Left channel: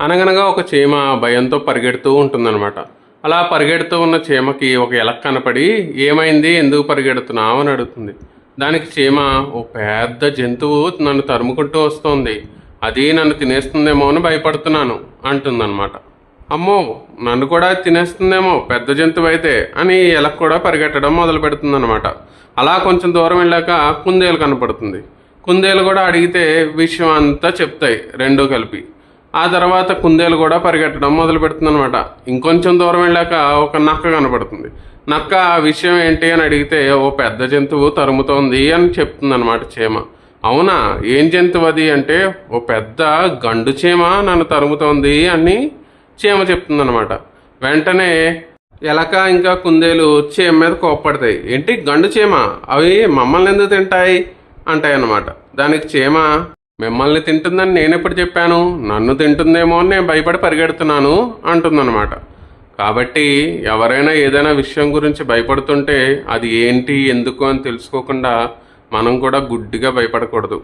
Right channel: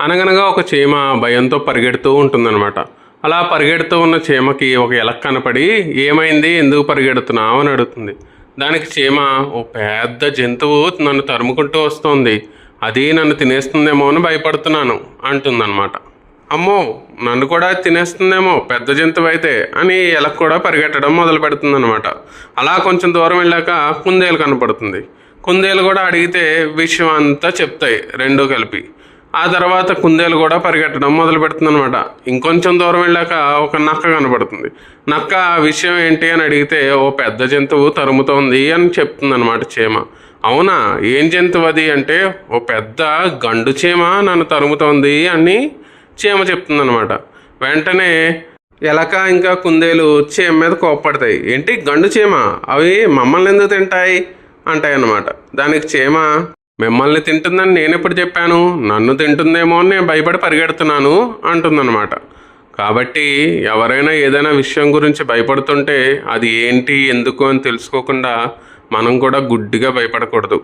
అనగనగా ఒక చీమ భయంతో పరిగెడుతూ ఉంటుందన్నమాట. అలా పరిగెడుతూ ఉన్న చీమకి ఒక ఎలక కనపడి, ఏమైంది, ఎందుకు పరిగెడుతున్నావు అని అడుగుతుంది. దానికి చీమ, ఓ పెద్ద జంతువు నన్ను తరుముకుంటూ వస్తోంది, అది నన్ను తినేస్తుందేమో అని భయపడుతున్నాను అంటుందన్నమాట. అమ్మో, నన్ను కూడా తినేస్తుందేమో పెద్ద జంతువు అయితే అని ఎలక కూడా పరిగెట్టడం మొదలు పెడుతుందన్నమాట. అలా కొంచెం దూరం వెళ్ళాక కుందేలు కనపడుతుంది. కుందేలు కూడా అడిగితే విషయం అంతా చెప్తాయి రెండూ కలిపి. ఆ తర్వాత కుందేలు కూడా పరిగెట్టడం మొదలు పెడుతుంది అనమాట. ఇంకొంచెం దూరం వెళ్ళాక ఒక నక్క కనబడుతుంది. నక్క ఆ విషయం ఏంటి అని అడిగితే, ఓ పెద్ద జంతువు తరుముతోంది అని చెప్తుంది అనమాట చీమ. అవునా, ఏం జంతువు అది అంటే, ఓ పెద్ద గండు చీమ నన్ను తరుముతోంది అని చీమ చెప్తుంది అనమాట. వెంటనే ఎలక ఇంకా కుందేలు చీమ మీద కోప్పడతాయి. ఏంటి గండు చీమ, అవి మమ్మల్ని ఎందుకు తింటాయి అంటాయి అన్నమాట. దానికి చీమ, మిమ్మల్ని తింటుందని నేనెప్పుడు చెప్పాను, నన్ను తింటుందేమో అని నేను భయపడి పరిగెడుతున్నాను అంటుందన్నమాట. కాబట్టి ఎవరైనా ఏదైనా విషయం గురించి భయపడుతుంటే అది ఏంటి ఎందుకు అని తెలుసుకోకుండా మనం కూడా గుడ్డిగా భయపడకూడదు.